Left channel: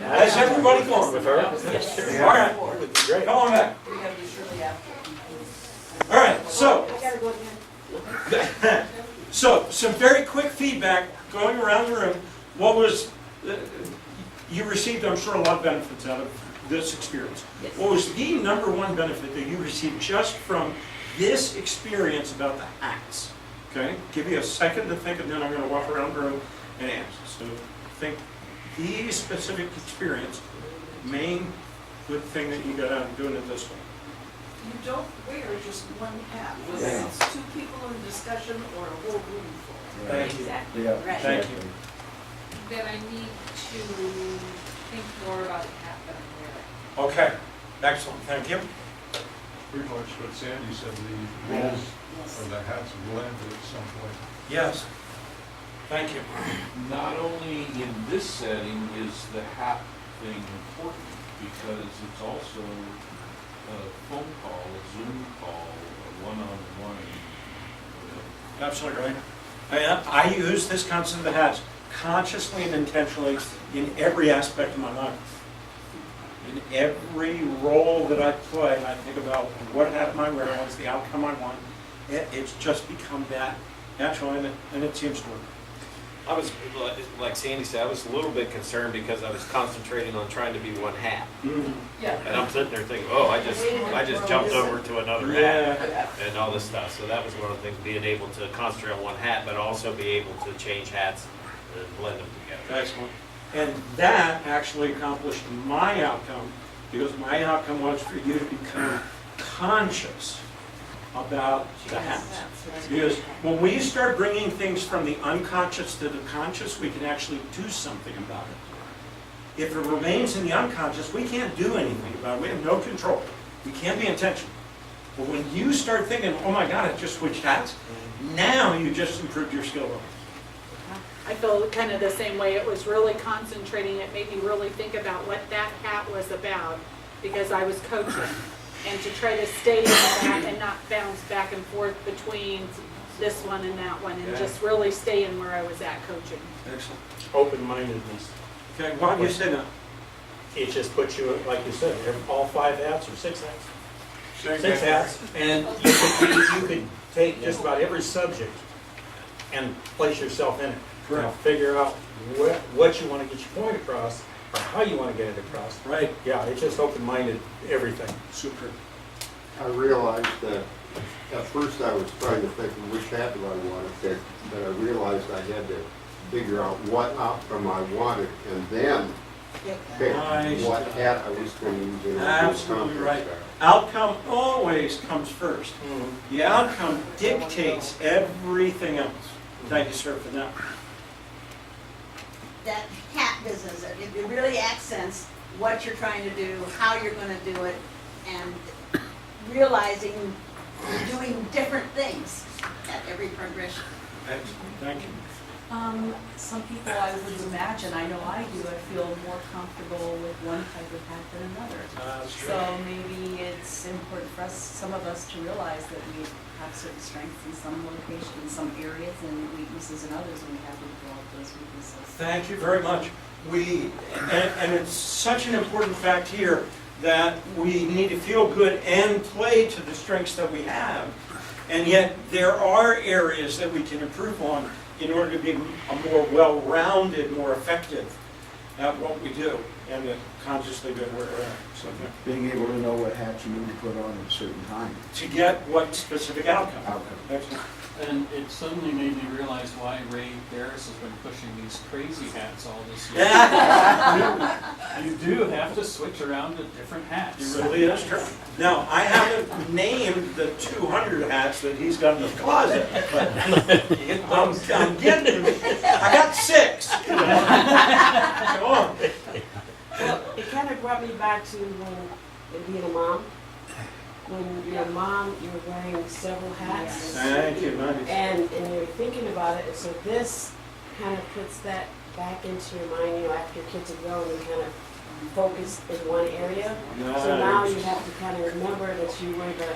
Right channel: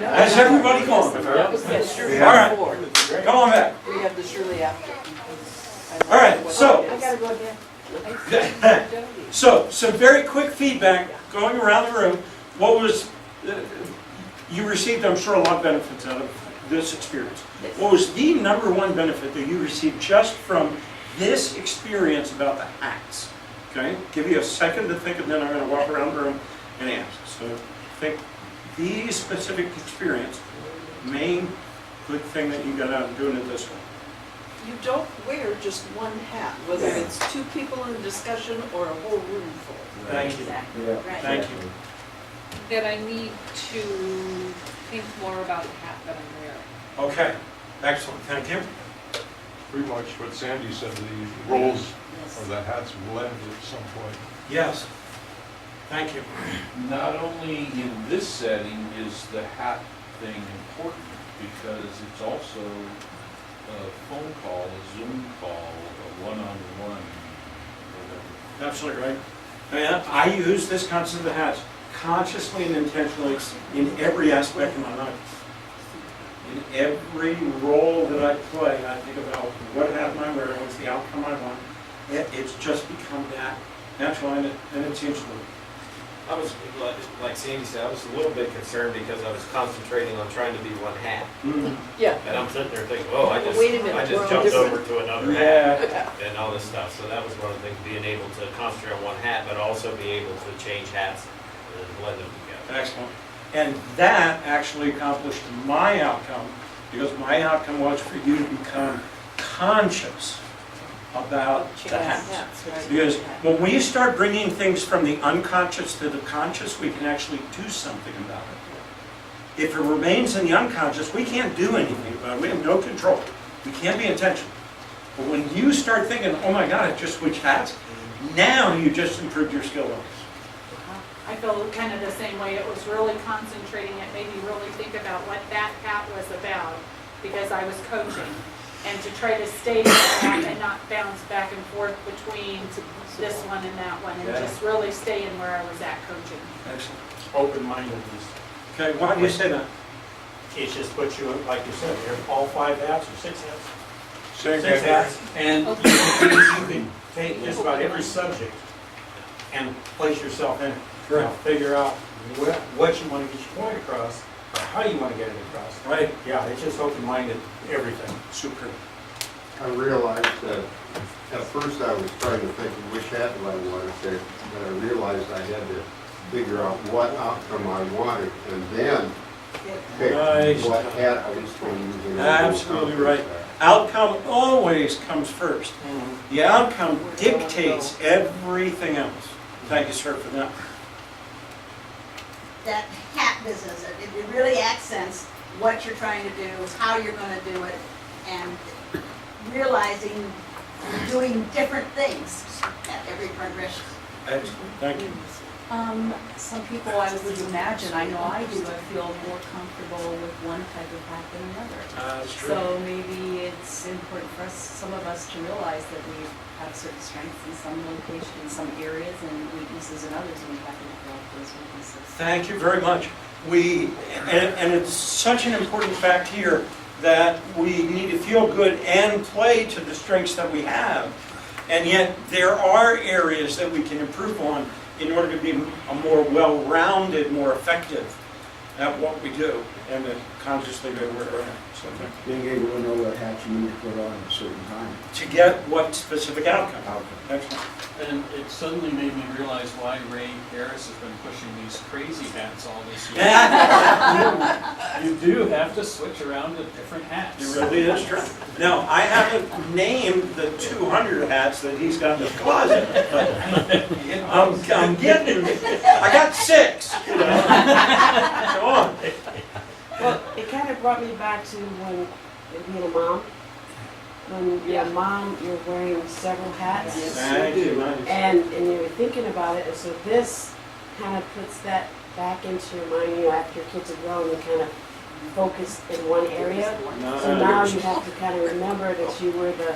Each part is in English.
How's everybody going with her? Yes, sure. All right, come on back. We have the Shirley after. All right, so, I gotta go again. so some very quick feedback going around the room. What was, you received, I'm sure, a lot of benefits out of this experience. Yes. What was the #1 benefit that you received just from this experience about the hats? Okay, give you a second to think, and then I'm going to walk around the room and answer. So think the specific experience, main good thing that you got out of doing it this way. You don't wear just one hat, whether it's two people in a discussion or a whole room full. Thank you. Exactly, Yeah. right. Thank you. That I need to think more about the hat that I'm wearing. Okay, excellent, thank you. Pretty much what Sandy said, the roles or the hats blend at some point. Yes, thank you. Not only in this setting is the hat thing important, because it's also a phone call, a Zoom call, a one-on-one, whatever. Absolutely right. I use this concept of the hats consciously and intentionally in every aspect of my life. In every role that I play, I think about what hat am I wearing, what's the outcome I want. It's just become that natural, and it seems to work. I was, like Sandy said, I was a little bit concerned because I was concentrating on trying to be one hat. Yeah. And I'm sitting there thinking, oh, I just jumped over to another hat and all this stuff. So that was one of the things, being able to concentrate on one hat, but also be able to change hats and blend them together. Excellent. And that actually accomplished my outcome, because my outcome was for you to become conscious about the hats. Because when we start bringing things from the unconscious to the conscious, we can actually do something about it. If it remains in the unconscious, we can't do anything about it. We have no control. We can't be intentional. But when you start thinking, oh my God, I just switched hats, now you just improved your skill levels. I feel kind of the same way. It was really concentrating. It made me really think about what that hat was about, because I was coaching. And to try to stay in that and not bounce back and forth between this one and that one, and just really stay in where I was at coaching. Excellent. Open-mindedness. Okay, why do you say that? It just puts you, like you said, you have all 5 hats or 6 hats? Saying 6 that- hats, and you could take just about every subject and place yourself in it. Correct. Now, figure out what you want to get your point across, or how you want to get it across. Right. Yeah, it's just open-minded, everything. Super. I realized that at first I was trying to think of which hat do I want to pick, but I realized I had to figure out what outcome I wanted and then pick Nice. what hat I was going to use. in a Absolutely conference right. hat. Outcome always comes first. The outcome dictates everything else. Thank you, sir, for that. That hat business, it really accents what you're trying to do, how you're going to do it, and realizing you're doing different things at every progression. Excellent. Thank you. Some people, I would imagine, I know I do, I feel more comfortable with one type of hat than another. That's true. So maybe it's important for us, some of us, to realize that we have certain strengths in some locations, in some areas, and weaknesses in others, and we have to develop those weaknesses. Thank you very much. And it's such an important fact here that we need to feel good and play to the strengths that we have. And yet there are areas that we can improve on in order to be a more well-rounded, more effective at what we do, and then consciously go where we're at. So Being able to know what hat you need to put on at a certain time. to get what specific outcome. Outcome. Excellent. And it suddenly made me realize why Ray Harris has been pushing these crazy hats all this year. You do have to switch around to different hats. It really is true. Now, I haven't named the 200 hats that he's got in his closet, but I'm getting, I got 6. You know? Come on. Well, it kind of brought me back to when being a mom. When you're a mom, you're wearing several hats. Thank you, Mandy. And you're thinking about it, and so this kind of puts that back into your mind, you know, after your kids are grown, you kind of focus in one area. So now you have to kind of remember that you were the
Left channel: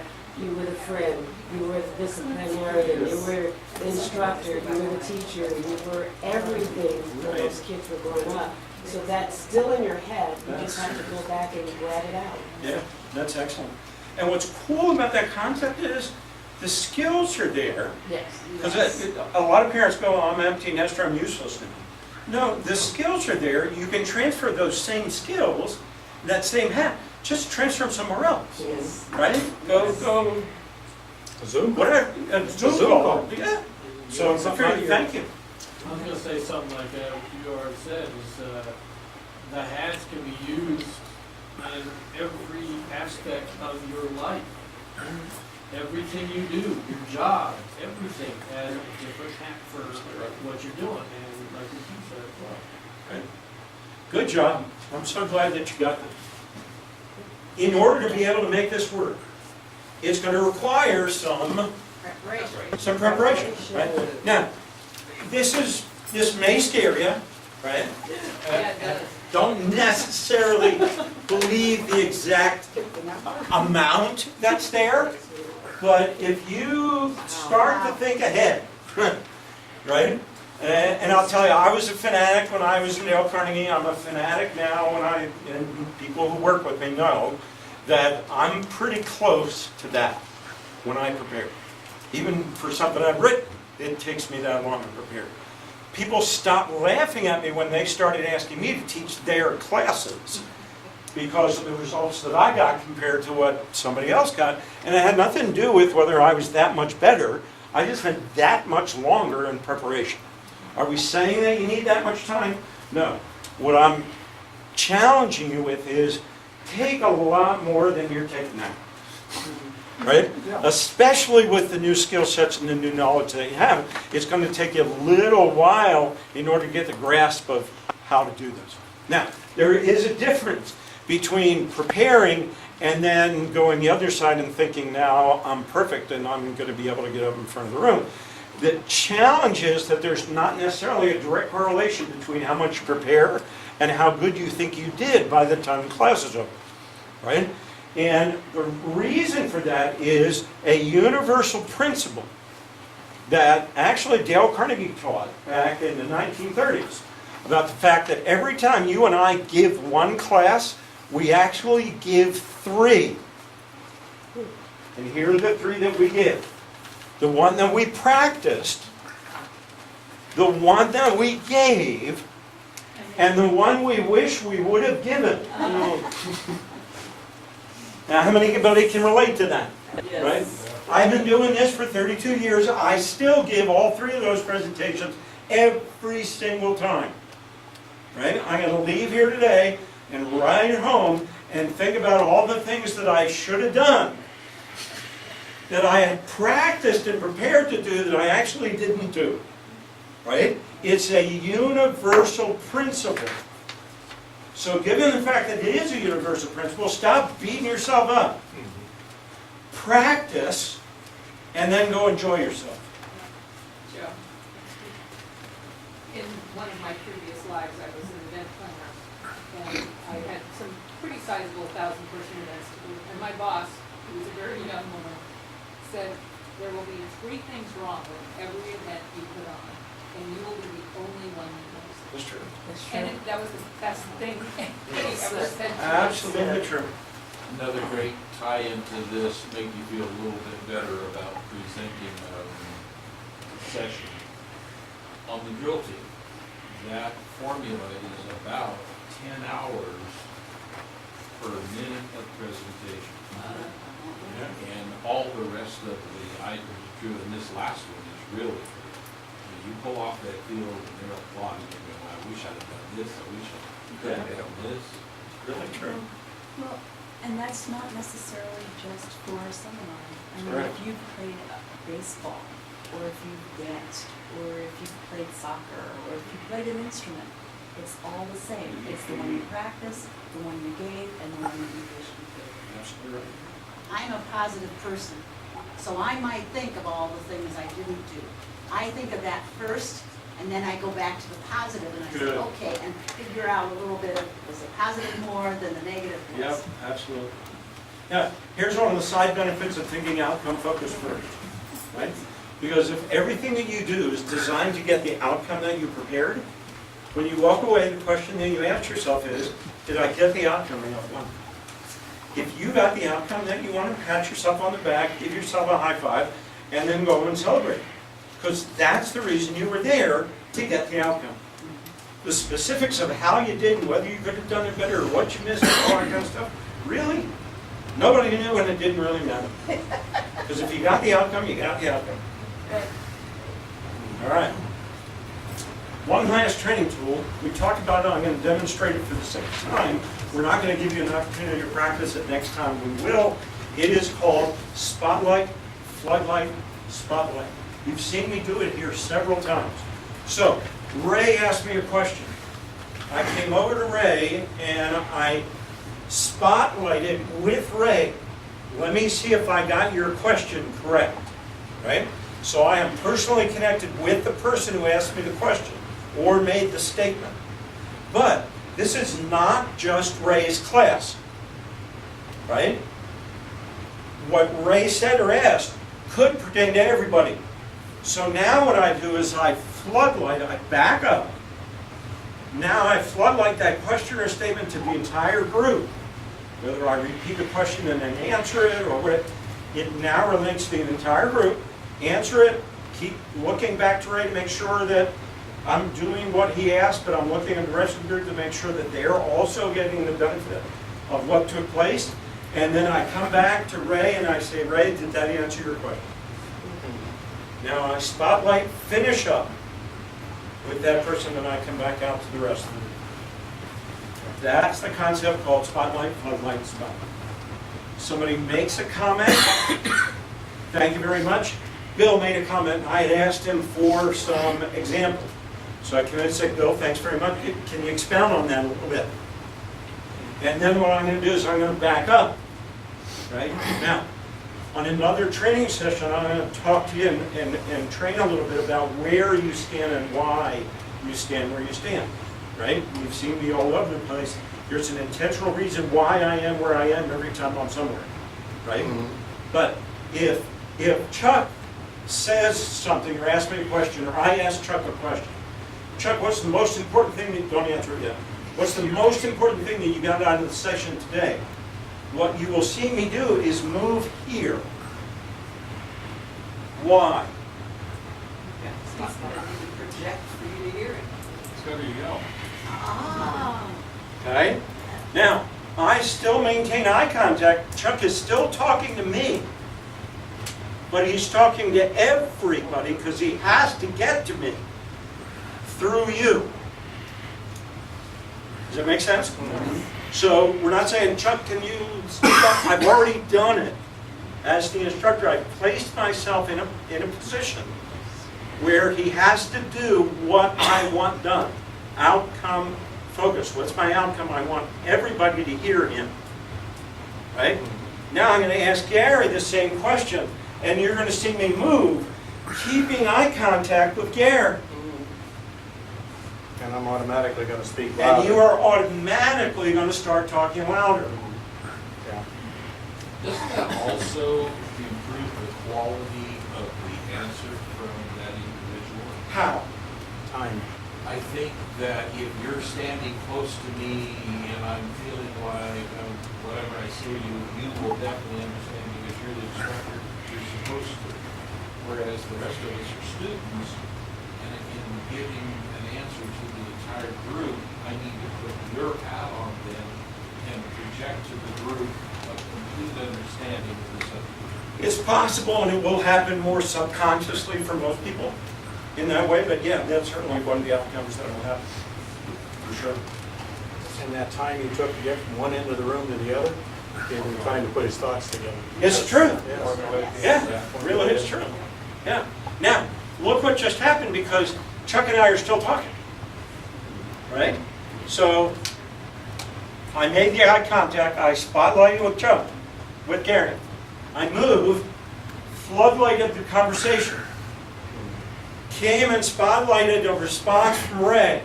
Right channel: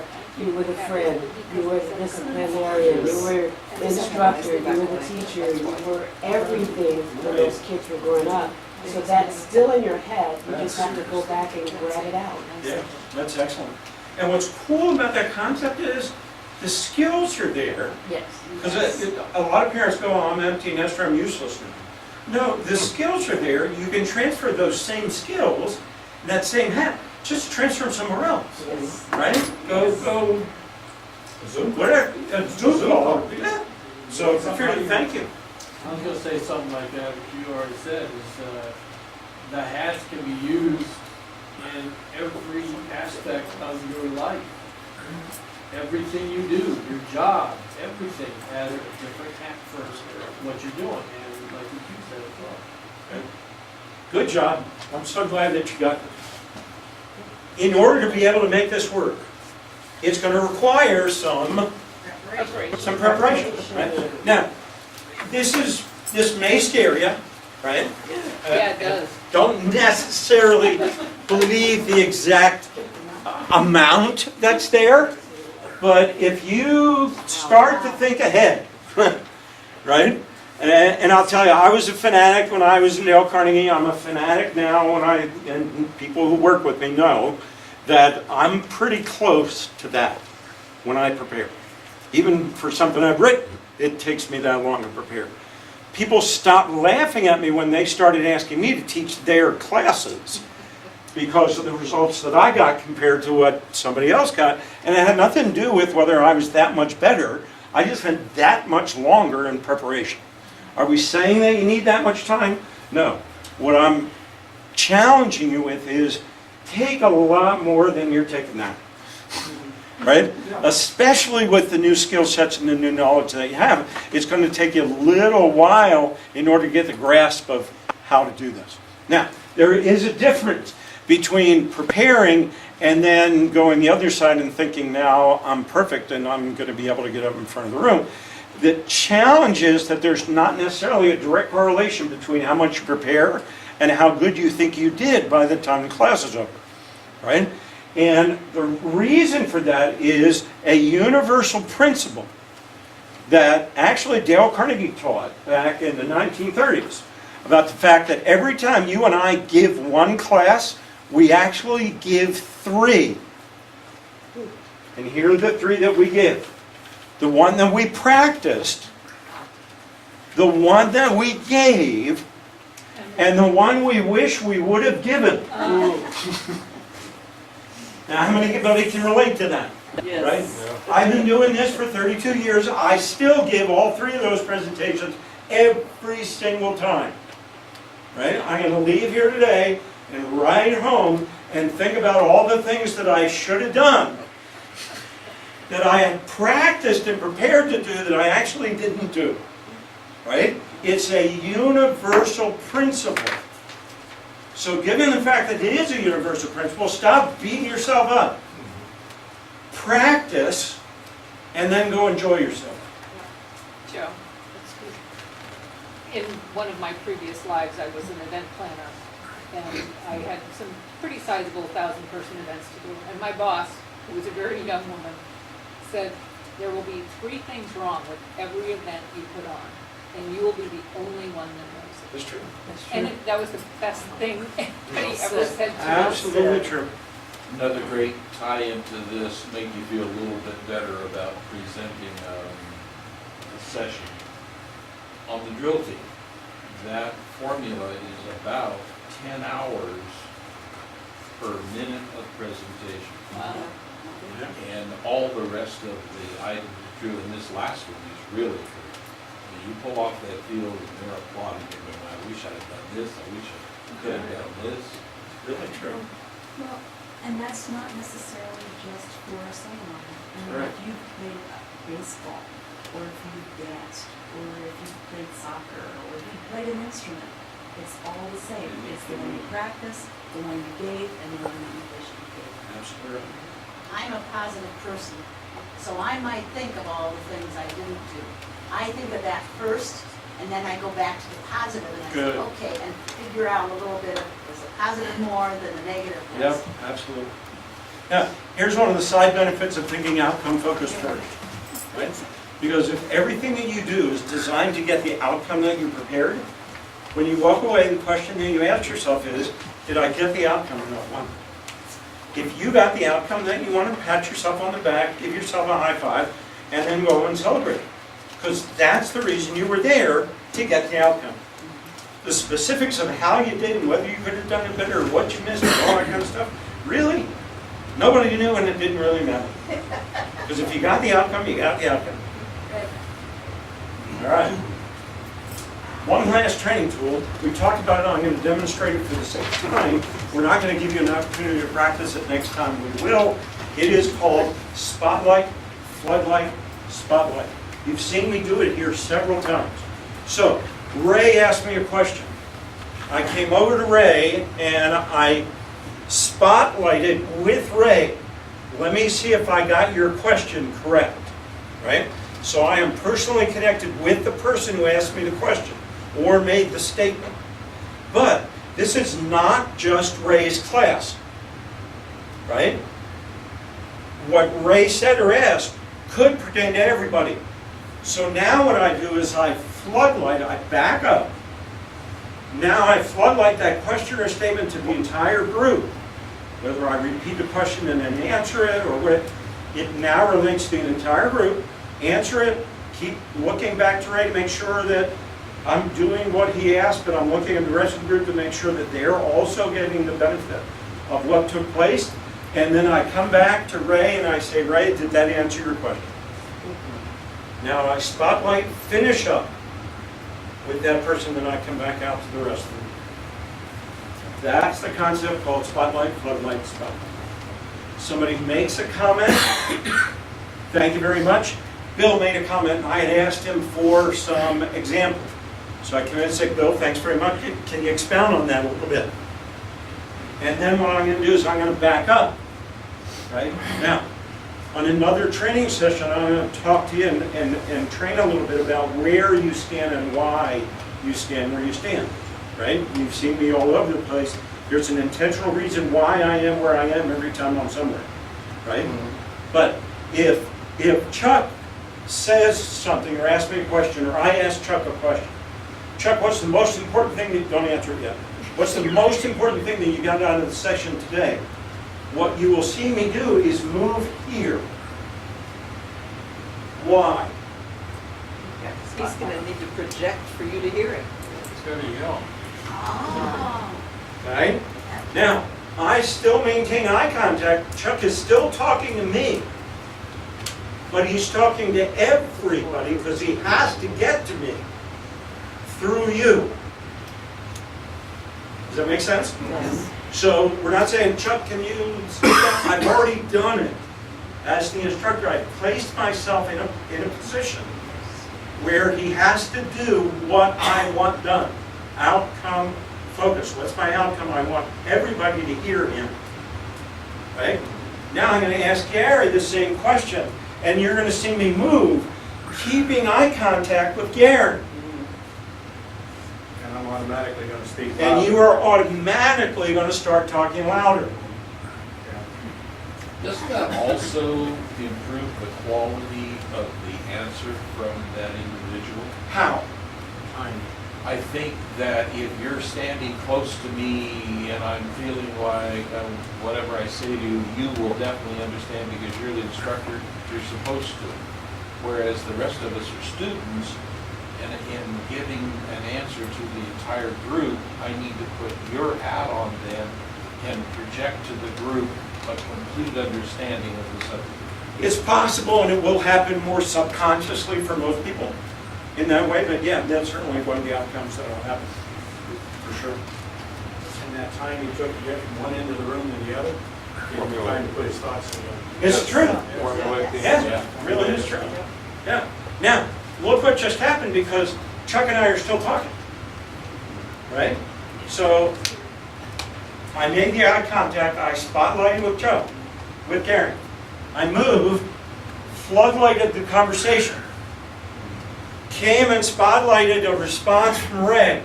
friend, you were the disciplinarian, you were the instructor, you were the teacher, you were everything when those kids were growing up. So that's still in your head, you just have to go back and grab it out. Yeah, that's excellent. And what's cool about that concept is the skills are there. Yes. Because a lot of parents go, oh, I'm empty nester, I'm useless now. No, the skills are there. You can transfer those same skills, that same hat, just transfer them somewhere else, Yes. right? Go, Zoom. whatever, Zoom call, yeah. So, thank you. I was gonna say something like that, what you already said, is the hats can be used in every aspect of your life. Everything you do, your job, everything has a different hat for what you're doing, and like what you said as well. Good job. I'm so glad that you got this. In order to be able to make this work, it's going to require some preparation. Right? Now, this may scare you, right? Yeah, it does. Don't necessarily believe the exact amount that's there, but if you start to think ahead, right? And I'll tell you, I was a fanatic when I was in Dale Carnegie. I'm a fanatic now and people who work with me know that I'm pretty close to that when I prepare. Even for something I've written, it takes me that long to prepare. People stopped laughing at me when they started asking me to teach their classes because of the results that I got compared to what somebody else got. And it had nothing to do with whether I was that much better. I just spent that much longer in preparation. Are we saying that you need that much time? No. What I'm challenging you with is take a lot more than you're taking now. Right? Especially with the new skill sets and the new knowledge that you have. It's going to take you a little while in order to get the grasp of how to do this. Now, there is a difference between preparing and then going the other side and thinking, now I'm perfect and I'm going to be able to get up in front of the room. The challenge is that there's not necessarily a direct correlation between how much you prepare and how good you think you did by the time the class is over, right? And the reason for that is a universal principle that actually Dale Carnegie taught back in the 1930s about the fact that every time you and I give one class, we actually give three. And here are the three that we give. The one that we practiced, the one that we gave, and the one we wish we would have given. Now, how many can relate to that? Yes. Right? Yeah. I've been doing this for 32 years. I still give all three of those presentations every single time. Right? I'm going to leave here today and ride home and think about all the things that I should have done, that I had practiced and prepared to do that I actually didn't do. Right? It's a universal principle. So given the fact that it is a universal principle, stop beating yourself up. Practice, and then go enjoy yourself. Joe, in one of my previous lives, I was an event planner, and I had some pretty sizable 1,000-person events to do. And my boss, who was a very young woman, said, there will be 3 things wrong with every event you put on, and you will be the only one that knows it. That's true. And that was the best thing anybody ever said to me. Absolutely true. Another great tie into this, make you feel a little bit better about presenting the session. On the drill team, that formula is about 10 hours per minute of presentation. And all the rest of the items are true, and this last one is really true. When you pull off that field and they're applauding, you're going, I wish I'd have done this, I wish I could have done this. It's really true. Well, and that's not necessarily just for a seminar. I mean, Right. if you've played baseball, or if you've danced, or if you've played soccer, or if you played an instrument, it's all the same. It's the one you practiced, the one you gave, and the one that you wish you gave. Absolutely. I'm a positive person, so I might think of all the things I didn't do. I think of that first, and then I go back to the positive, and I Good. say, okay, and figure out a little bit of, is the positive more than the negative was? Yep, absolutely. Yeah, here's one of the side benefits of thinking outcome focused first, right? Because if everything that you do is designed to get the outcome that you prepared, when you walk away, the question that you ask yourself is, did I get the outcome in that one? If you got the outcome that you wanted, pat yourself on the back, give yourself a high five, and then go and celebrate. Because that's the reason you were there, to get the outcome. The specifics of how you did and whether you could have done it better or what you missed and all that kind of stuff, really? Nobody knew, and it didn't really matter. Because if you got the outcome, you got the outcome. All right. One last training tool. We talked about it. I'm going to demonstrate it for the sake of time. We're not going to give you an opportunity to practice it next time. We will. It is called Spotlight, Floodlight, Spotlight. You've seen me do it here several times. So, Ray asked me a question. I came over to Ray and I spotlighted with Ray. Let me see if I got your question correct, right? So I am personally connected with the person who asked me the question or made the statement. But this is not just Ray's class, right? What Ray said or asked could pertain to everybody. So now what I do is I floodlight, I back up. Now I floodlight that question or statement to the entire group. Whether I repeat the question and then answer it or what, it now relates to the entire group. Answer it, keep looking back to Ray to make sure that I'm doing what he asked, but I'm looking at the rest of the group to make sure that they're also getting the benefit of what took place. And then I come back to Ray and I say, Ray, did that answer your question? Now I spotlight, finish up with that person, then I come back out to the rest of them. That's the concept called spotlight, floodlight, spotlight. Somebody makes a comment. Thank you very much. Bill made a comment. I had asked him for some example. So I came in and said, Bill, thanks very much. Can you expound on that a little bit? And then what I'm going to do is I'm going to back up. Right? Now, on another training session, I'm going to talk to you and train a little bit about where you stand and why you stand where you stand. Right? You've seen me all over the place. There's an intentional reason why I am where I am every time I'm somewhere. Right? But if Chuck says something or asks me a question, or I ask Chuck a question, Chuck, what's the most important thing that, don't answer it yet. What's the most important thing that you got out of the session today? What you will see me do is move here. Why? He's going to need to project for you to hear it. It's going to yell. Oh. Okay? Now, I still maintain eye contact. Chuck is still talking to me. But he's talking to everybody because he has to get to me through you. Does that make sense? Yes. So we're not saying, Chuck, can you speak up? I've already done it. As the instructor, I've placed myself in a position where he has to do what I want done. Outcome focus. What's my outcome? I want everybody to hear him. Right? Now I'm going to ask Gary the same question, and you're going to see me move, keeping eye contact with Gary. And I'm automatically going to speak louder. And you are automatically going to start talking louder. Doesn't that also improve the quality of the answer from that individual? How? Time. I think that if you're standing close to me and I'm feeling like whatever I say to you, you will definitely understand because you're the instructor, you're supposed to. Whereas the rest of us are students, and in giving an answer to the entire group, I need to put your hat on them and project to the group a complete understanding of the subject. It's possible, and it will happen more subconsciously for most people in that way, but yeah, that's certainly one of the outcomes that will happen, for sure. In that time he took to get from one end of the room to the other, he was trying to put his thoughts together. It's true. Yes. Yeah, it really is true. Yeah. Now, look what just happened because Chuck and I are still talking, right? So, I made the eye contact, I spotlighted with Chuck, with Gary. I moved, floodlighted the conversation. Came and spotlighted a response from Ray.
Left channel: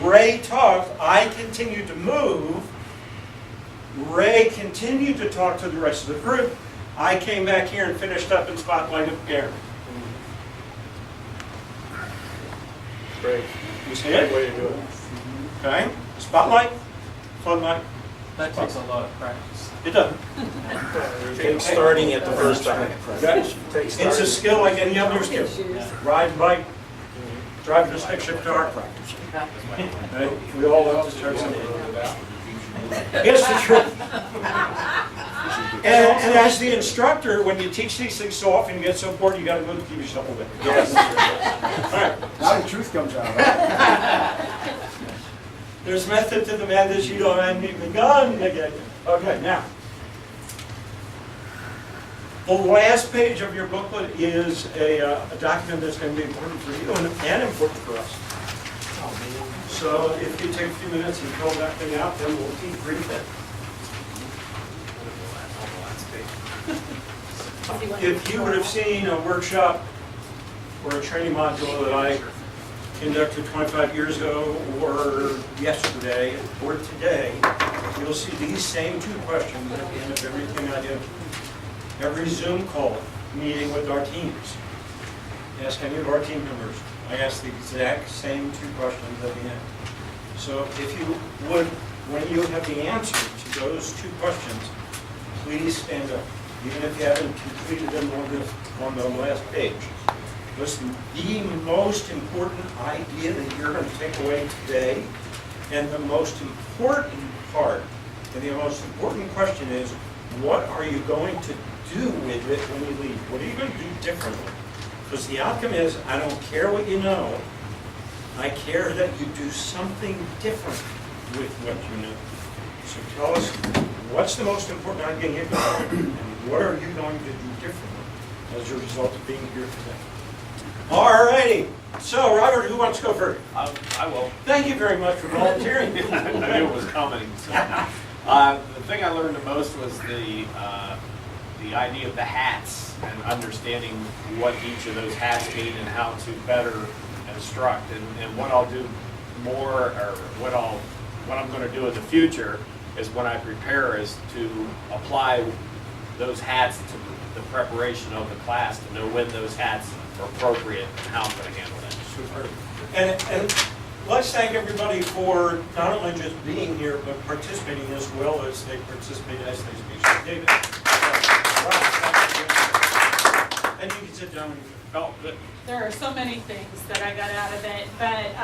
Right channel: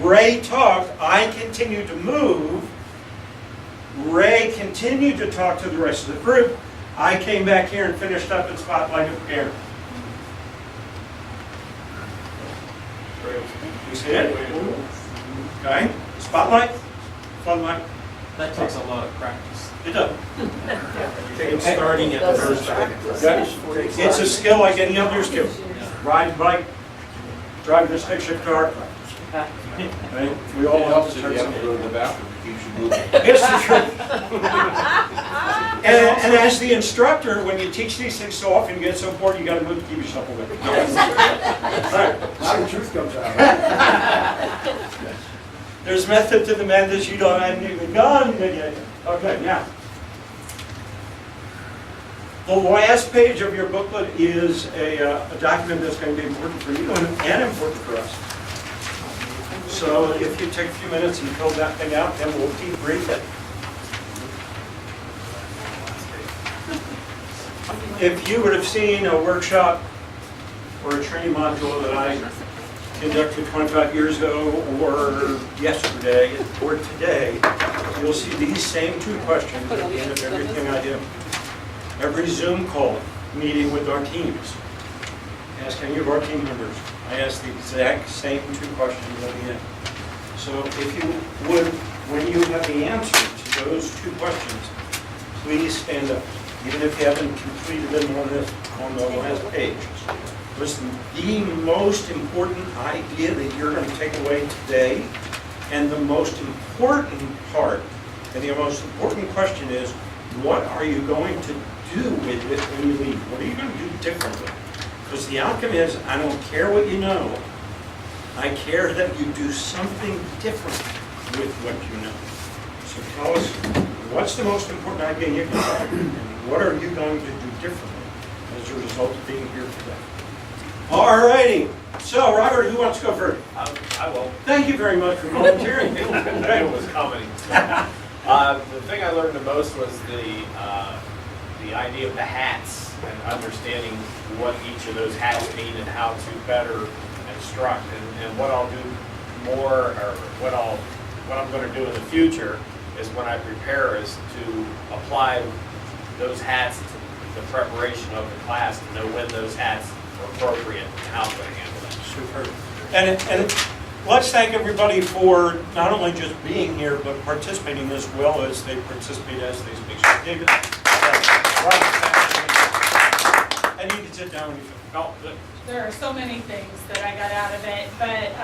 Ray talked, I continued to move. Ray continued to talk to the rest of the group. I came back here and finished up and spotlighted Gary. Great. You see it? Okay, spotlight, floodlight. That takes a lot of practice. It does. Starting at the first time. It's a skill like any other skill. Ride a bike, driving a stick shift car. Right? We all have to start something. Go to the bathroom, it keeps you moving. It's the truth. And as the instructor, when you teach these things so often, you get so bored, you gotta move to keep yourself awake. Yes. All right. Now the truth comes out. There's method to the madness, you don't have any gun again. Okay, now. The last page of your booklet is a document that's going to be important for you and important for us. So if you take a few minutes and fill that thing out, then we'll debrief it. If you would have seen a workshop or a training module that I conducted 25 years ago, or yesterday, or today, you'll see these same two questions at the end of everything I do. Every Zoom call meeting with our teams. Ask any of our team members. I ask the exact same two questions at the end. So if you would, when you have the answer to those two questions, please stand up. Even if you haven't completed it on the last page. Listen, the most important idea that you're going to take away today, and the most important part, and the most important question is, what are you going to do with it when you leave? What are you going to do differently? Because the outcome is, I don't care what you know, I care that you do something different with what you know. So tell us, what's the most important idea you got, and what are you going to do differently as a result of being here today? All righty. So, Robert, who wants to go first? I will. Thank you very much for volunteering. I knew it was coming. So. The thing I learned the most was the idea of the hats and understanding what each of those hats mean and how to better instruct. And what I'll do more, or what I'm going to do in the future is when I prepare is to apply those hats to the preparation of the class to know when those hats are appropriate and how I'm going to handle that. Super. And let's thank everybody for not only just being here, but participating as well as they participate as they speak. So, David, and you can sit down. Oh, good. There are so many things that I got out of it, but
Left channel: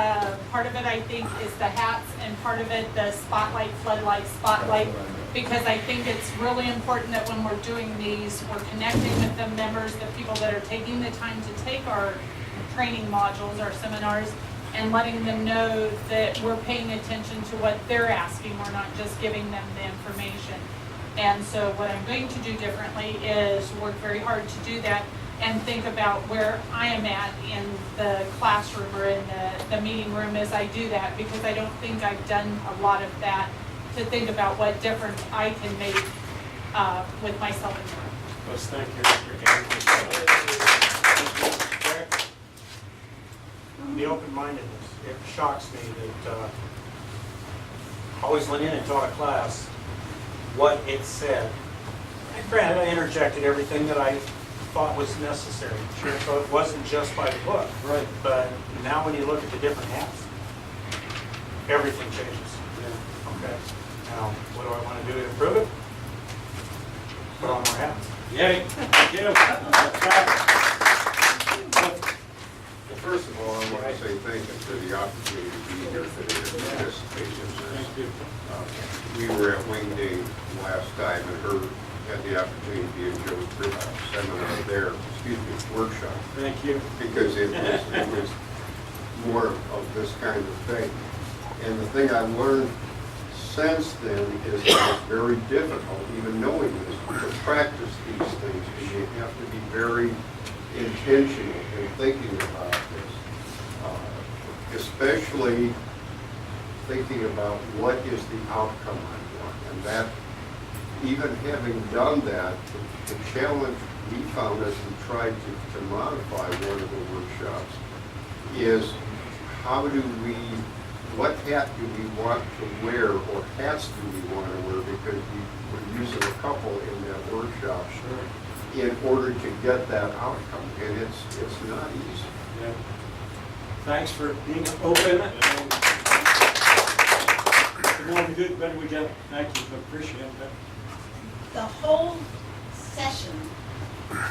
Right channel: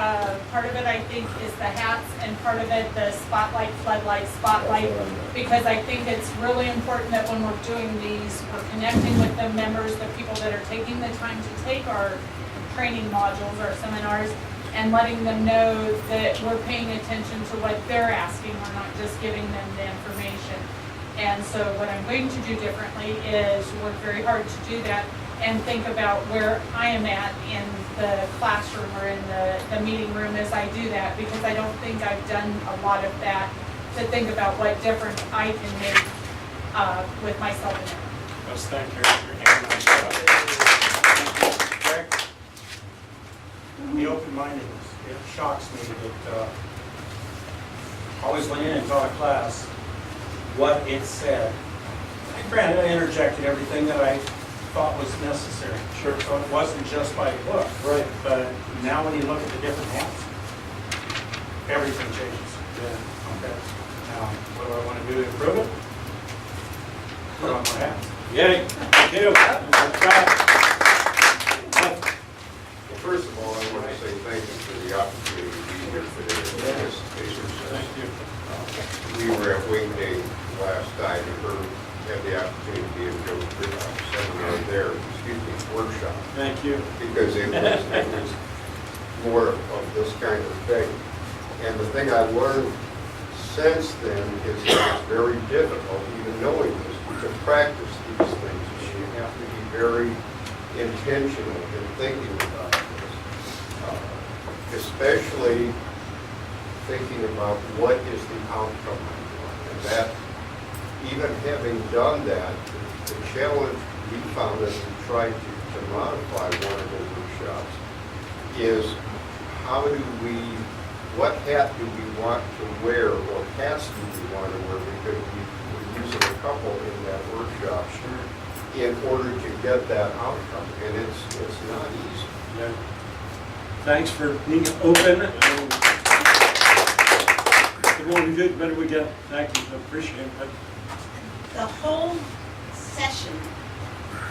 part of it I think is the hats, and part of it the spotlight, floodlight, spotlight, because I think it's really important that when we're doing these, we're connecting with the members, the people that are taking the time to take our training modules, our seminars, and letting them know that we're paying attention to what they're asking. We're not just giving them the information. And so what I'm going to do differently is work very hard to do that and think about where I am at in the classroom or in the meeting room as I do that, because I don't think I've done a lot of that, to think about what difference I can make with myself in there. Let's thank you. The open-mindedness, it shocks me that always went in and taught a class what it said. And granted, I interjected everything that I thought was necessary. Sure. So it wasn't just by book. Right. But now when you look at the different hats, everything changes. Yeah. Okay. Now, what do I want to do to improve it? Put on more hats. Yay. Thank you. Well, first of all, I want to say thank you for the opportunity to be here today and participation. Thank you. We were at Wing Day last time and had the opportunity to be in Joe's seminar there, workshop. Thank you. Because it was more of this kind of thing. And the thing I've learned since then is that it's very difficult, even knowing this, to practice these things. And you have to be very intentional in thinking about this, especially thinking about what is the outcome I want. And that, even having done that, the challenge we found as we tried to modify one of the workshops is what hat do we want to wear, or hats do we want to wear, because we were using a couple in that workshop in order to get that outcome, and it's not easy. Yeah. Thanks for being open. And the more we do, the better we get. Thank you, appreciate it. The whole session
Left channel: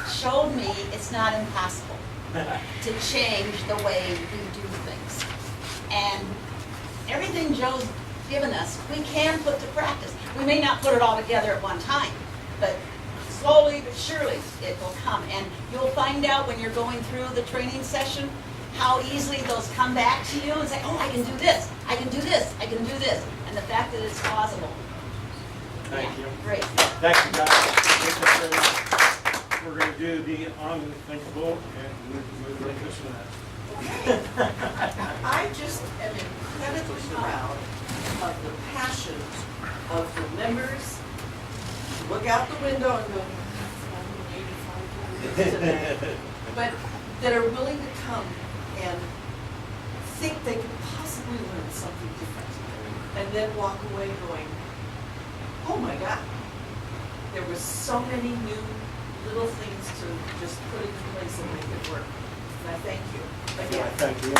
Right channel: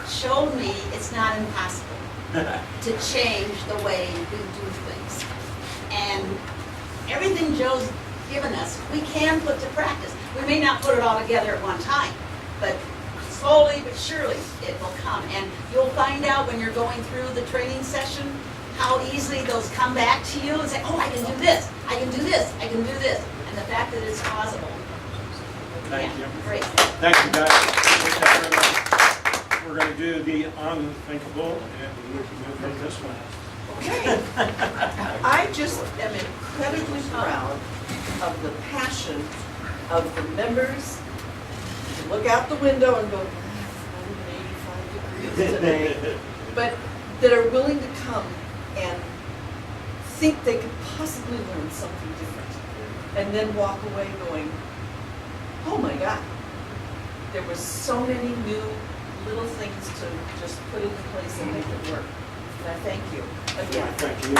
showed me it's not impossible to change the way we do things. And everything Joe's given us, we can put to practice. We may not put it all together at one time, but slowly but surely it will come. And you'll find out when you're going through the training session how easily those come back to you and say, oh, I can do this, I can do this, I can do this. And the fact that it's possible. Thank you. Great. Thank you, guys. Appreciate that very much. We're going to do the unthinkable, and we'll move from this one. I just am incredibly proud of the passion of the members to look out the window and go, "Ah, it's 185 degrees today," but that are willing to come and think they could possibly learn something different, and then walk away going, oh my God, there was so many new little things to just put into place and make it work. And I thank you again. Thank you.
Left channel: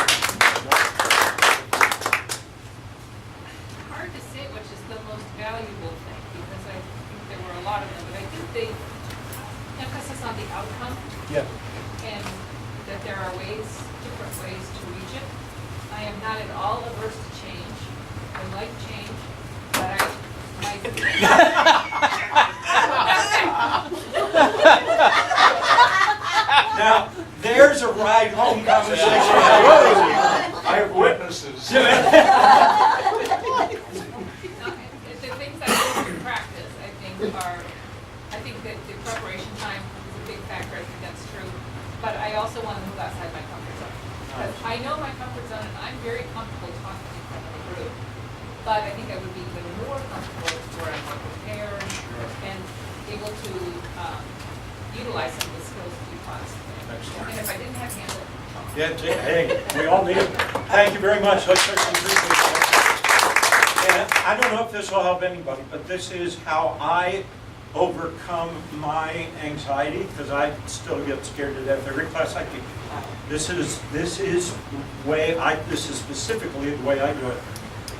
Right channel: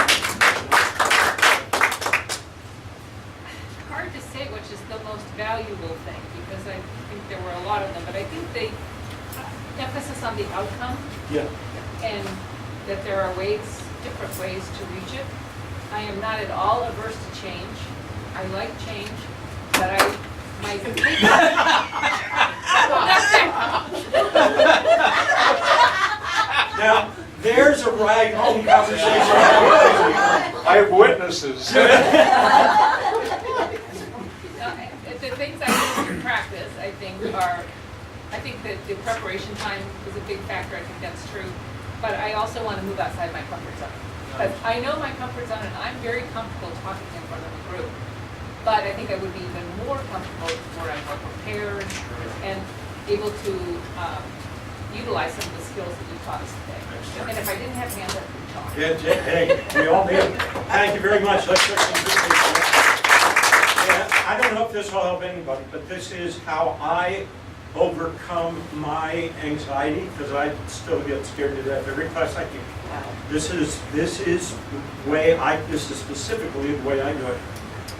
Hard to say which is the most valuable thing, because I think there were a lot of them, but I think the emphasis on the outcome Yeah. and that there are ways, different ways to reach it. I am not at all averse to change. I like change, but Now, there's a right home conversation. I have witnesses. The things I use in practice, I think that the preparation time is a big factor. I think that's true. But I also want to move outside my comfort zone. Because I know my comfort zone, and I'm very comfortable talking in front of a group. But I think I would be even more comfortable where I'm more prepared and able to utilize some of the skills that you taught us today. And if I didn't have hands, I would talk. Yeah, hey, we all did. Thank you very much. Let's start some appreciation. And I don't know if this will help anybody, but this is how I overcome my anxiety, because I still get scared to death every class I teach. This is specifically the way I do it.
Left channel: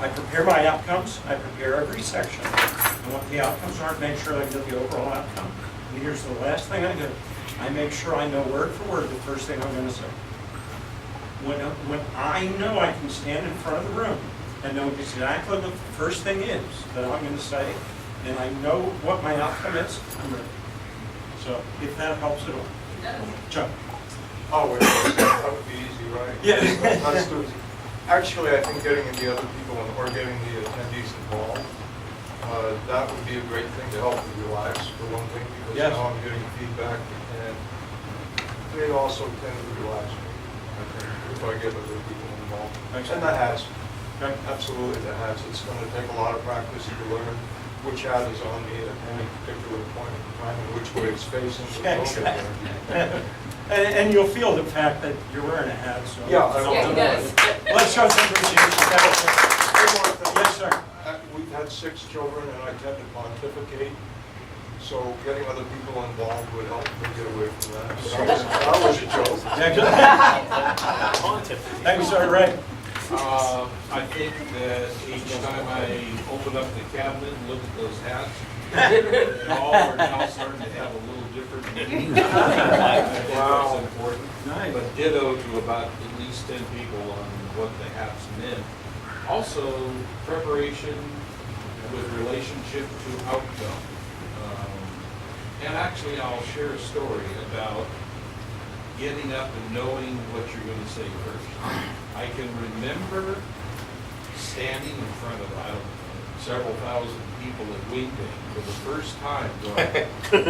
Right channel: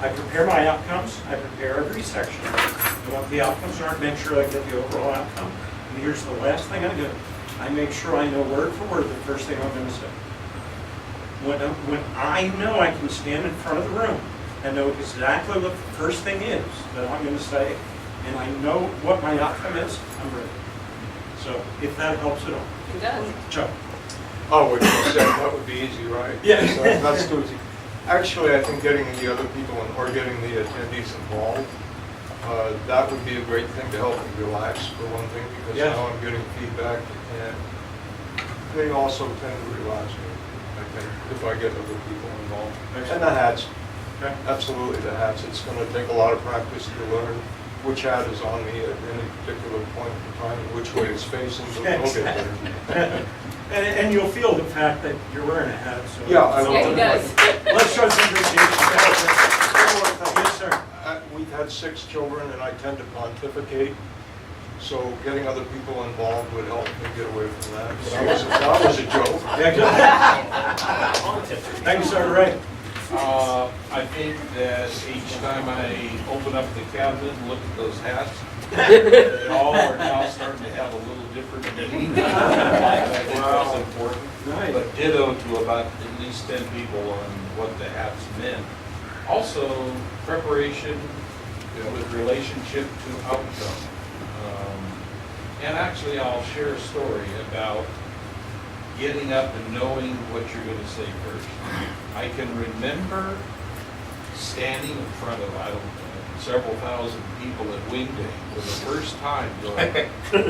I prepare my outcomes, I prepare every section, and what the outcomes are, make sure I get the overall outcome. And here's the last thing I do. I make sure I know word for word the first thing I'm going to say. When I know I can stand in front of the room and know exactly what the first thing is that I'm going to say, and I know what my outcome is, I'm ready. So if that helps at all. It does. Chuck. Oh, which was that would be easy, right? Yeah. So that's too easy. Actually, I think getting the other people or getting the attendees involved, that would be a great thing to help me relax, for one thing, because Yes. now I'm getting feedback, and they also tend to relax me, I think, if I get other people involved. And the hats, Okay. absolutely the hats. It's going to take a lot of practice to learn which hat is on me at any particular point in time and which way it's facing, but we'll get there. And you'll feel the fact that you're wearing a hat. So Yeah, I will. Yeah, he does. Let's show some appreciation. One more thing. Yes, sir. We've had 6 children, and I tend to pontificate, so getting other people involved would help me get away from that. That was a joke. Thank you, sir. Ray. I think that each time I open up the cabinet and look at those hats, they all are now starting to have a little different meaning. I think that's important. Nice. But ditto to about at least 10 people on what the hats meant. Also, preparation with relationship to outcome. And actually, I'll share a story about getting up and knowing what you're going to say first. I can remember standing in front of, I don't know, several thousand people at Wing Day for the first time going,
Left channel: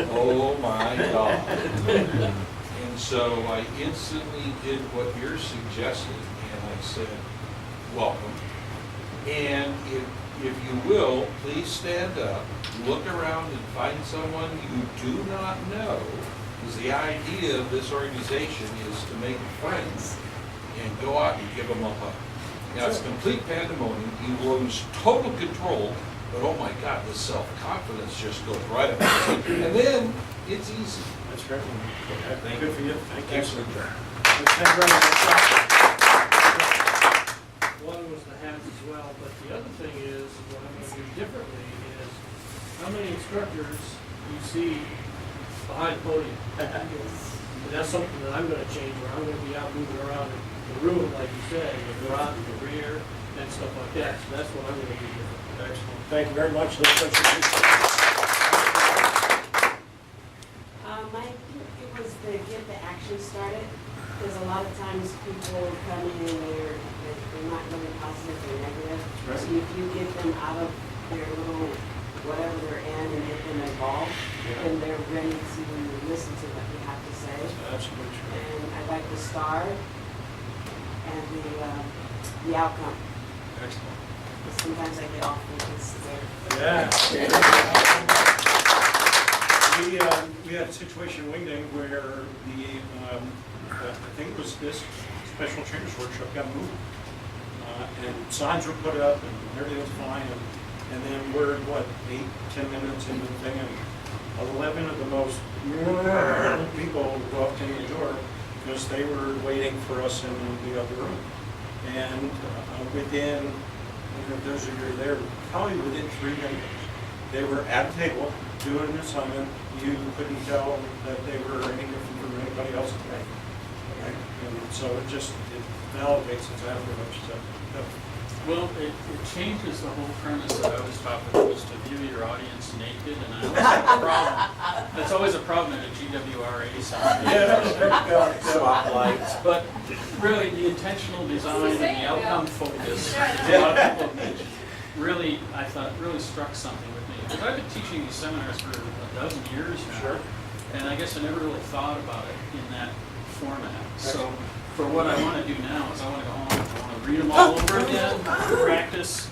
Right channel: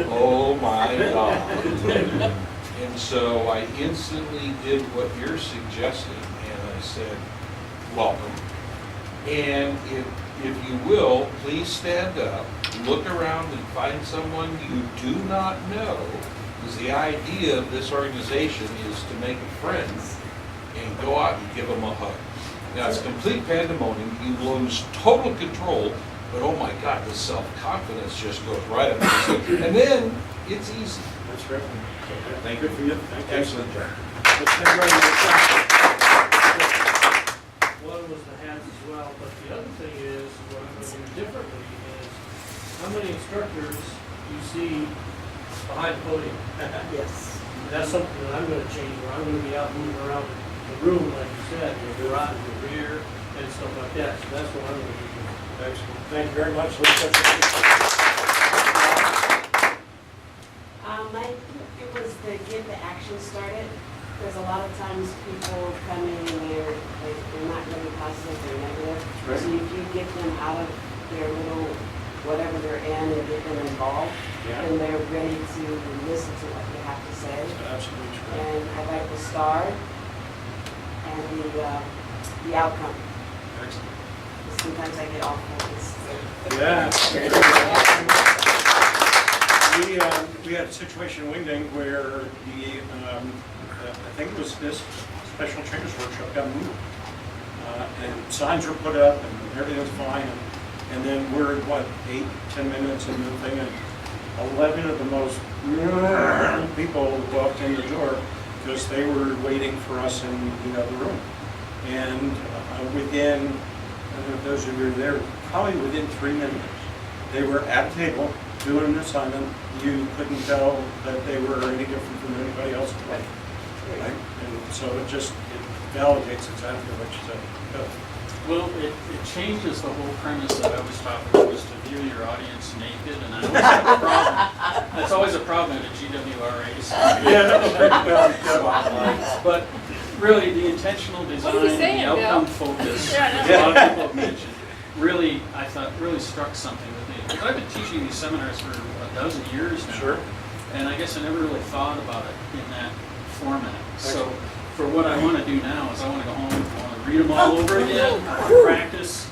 oh my God. And so I instantly did what you're suggesting, and I said, welcome. And if you will, please stand up, look around and find someone you do not know, because the idea of this organization is to make friends and go out and give them a hug. Now, it's complete pandemonium. You lose total control, but oh my God, the self-confidence just goes right up. And then it's easy. That's great. Thank Good you. for you. Thank you. Excellent job. Let's stand right up. one was the hats as well, but the other thing is, what I'm gonna do differently is, how many instructors you see behind the podium? Yes. That's something that I'm gonna change, where I'm gonna be out moving around the room, like you said, and go out in the rear and stuff like that, so that's what I'm gonna do different. Excellent. Thank you very much. Let's go to- It was to get the action started, because a lot of times people come in and they're not really positive, they're negative. Right. So if you get them out of their little, whatever they're in and get them involved, Yeah. then they're ready to listen to what you have to say. Absolutely true. And I like the star and the outcome. Excellent. Sometimes I get off focus. Yeah. We had a situation in Wingding where I think it was this special trainers workshop got moved. And signs were put up and everything's fine. And then we're, 8-10 minutes into the thing, and 11 of the most people walked in the door because they were waiting for us in the other room. And within, those of you who were there, probably within 3 minutes, they were at a table doing an assignment. You couldn't tell that they were any different from anybody else. Right? And so it validates exactly what you said. Yeah. Well, it changes the whole premise that I was taught, which was to view your audience naked, and I always have a problem. That's always a problem at a GWRRA. So. Yeah. But really, the intentional design and saying, the outcome yeah. focus, Yeah, which a lot of people have mentioned, really, I thought, really struck something with me. Because I've been teaching these seminars for a dozen years now. Sure. And I guess I never really thought about it in that format. So Excellent. for what I want to do now is I want to go home, I want to read them all over again, practice.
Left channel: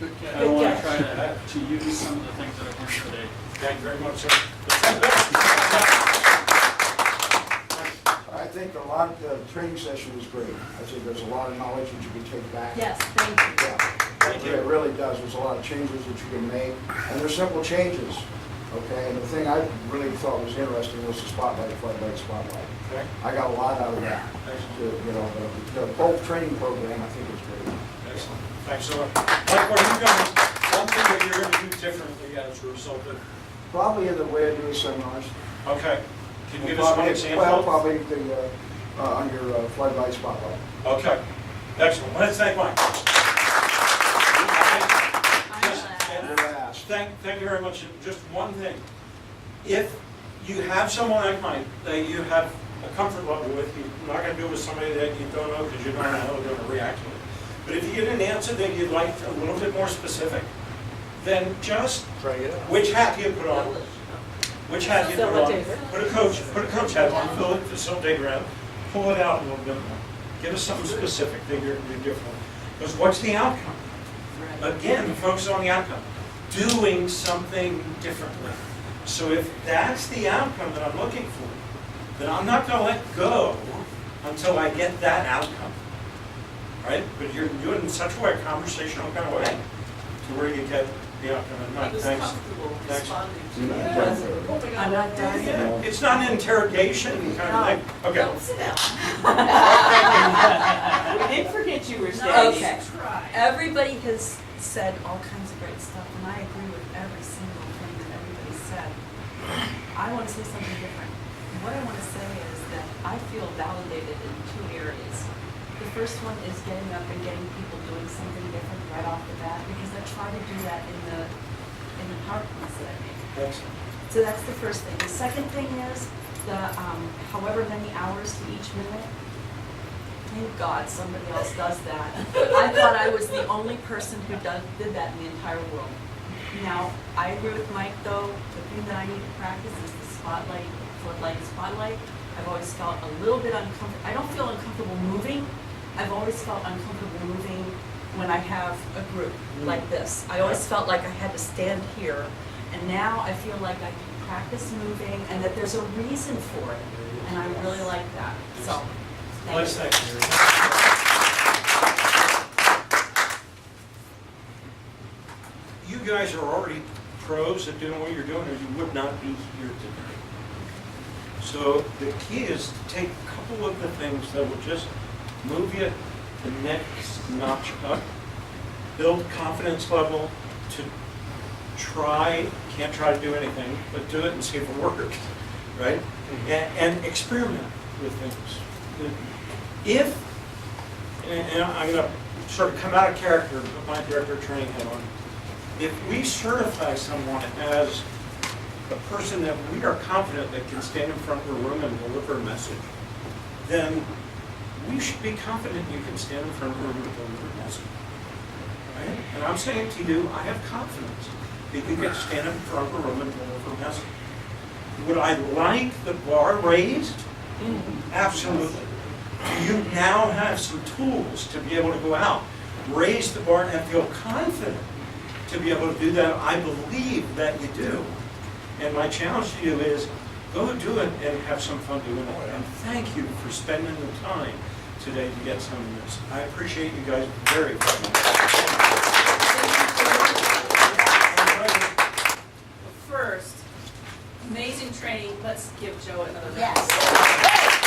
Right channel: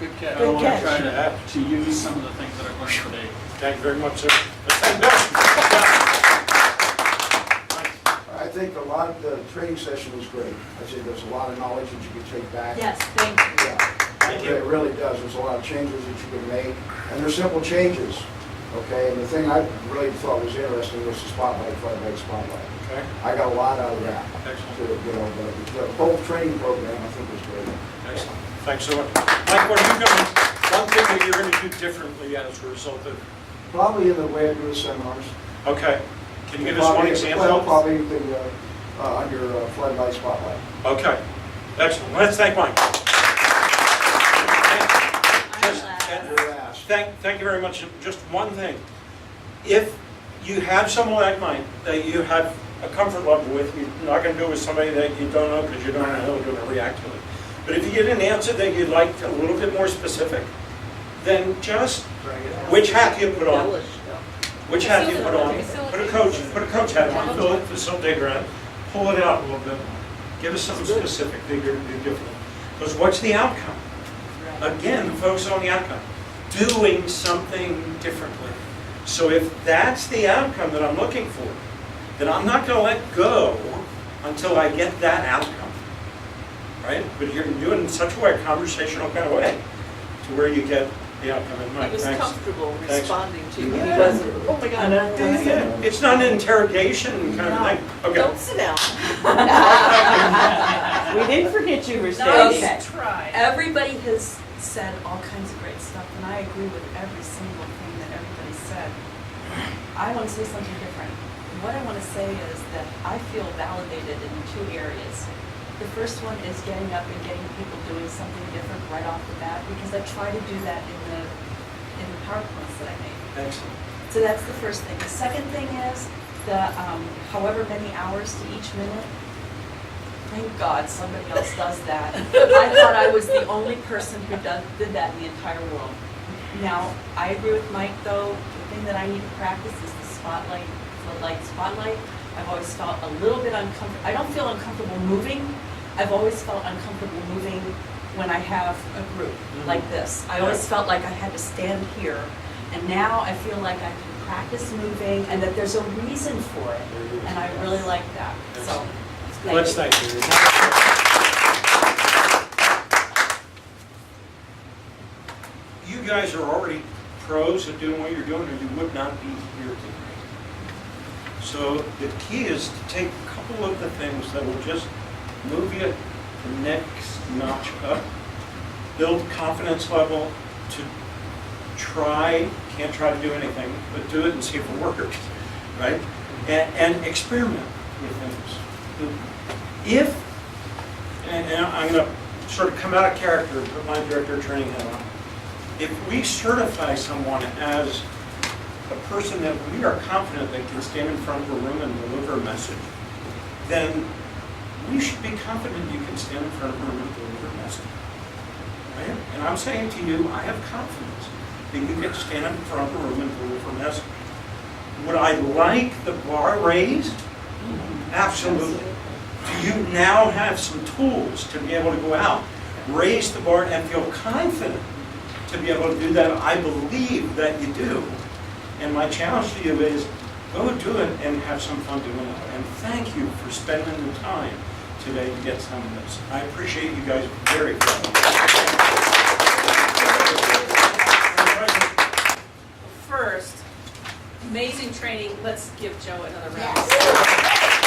Good catch. I want to try to use some of the things that I've learned today. Thank you very much, sir. Let's I think the training session was great. I think there's a lot of knowledge that you can take back. Yes, thank you. Yeah, Thank you. it really does. There's a lot of changes that you can make, and they're simple changes, okay? And the thing I really thought was interesting was the floodlight spotlight. Okay. I got a lot out of that. Excellent. The whole training program, I think, was great. Excellent. Thanks so much. Mike, what are you going one thing that you're going to do differently as a result of? Probably in the way I do the seminars. Okay. Can you give us one example? Well, probably under floodlight spotlight. Okay. Excellent. Let's thank Mike. Thank you very much. Just one thing. If you have someone like Mike that you have a comfort level with, you're not going to do it with somebody that you don't know because you don't know how they're going to react to it. But if you get an answer that you'd like a little bit more specific, then just, which hat do you put on? Which hat do you put on? Put a coach hat on, fill it, facilitator on, pull it out a little bit more. Give us something specific that you're going to do differently. Because what's the outcome? Again, focus on the outcome. Doing something differently. So if that's the outcome that I'm looking for, then I'm not going to let go until I get that outcome. Right? But you're doing it in such a way, a conversational kind of way, to where you get the outcome in mind. He was Thanks. comfortable Thanks. responding to you. Yeah. He wasn't, oh my God, I'm doing Yeah, it. it's not an interrogation kind of thing. Okay. Don't sit down. We didn't forget you were No, standing. okay. Try. Everybody has said all kinds of great stuff, and I agree with every single thing that everybody said. I want to say something different. What I want to say is that I feel validated in 2 areas. The first one is getting up and getting people doing something different right off the bat, because I try to do that in the PowerPoints that I make. Excellent. So that's the first thing. The second thing is that however many hours to each minute, thank God somebody else does that. I thought I was the only person who did that in the entire world. Now, I agree with Mike though, the thing that I need to practice is the floodlight spotlight. I've always felt a little bit uncomfortable. I don't feel uncomfortable moving. I've always felt uncomfortable moving when I have a group like this. I always felt like I had to stand here, and now I feel like I can practice moving and that there's a reason for it, and I really like that. So, Let's thank you. You guys are already pros at doing what you're doing, or you would not be here today. So the key is to take a couple of the things that will just move you the next notch up, build confidence level to try, can't try to do anything, but do it and see if it works, right? And experiment with things. If, and I'm gonna sort of come out of character and put my director of training hat on. If we certify someone as a person that we are confident that can stand in front of a room and deliver a message, then we should be confident you can stand in front of a room and deliver a message. Right? And I'm saying to you, I have confidence that you can stand in front of a room and deliver a message. Would I like the bar raised? Absolutely. Do you now have some tools to be able to go out, raise the bar, and feel confident to be able to do that? I believe that you do. And my challenge to you is, go do it and have some fun doing it. And thank you for spending the time today to get some of this. I appreciate you guys very, very much. First, amazing training. Let's give Joe another round. Yes.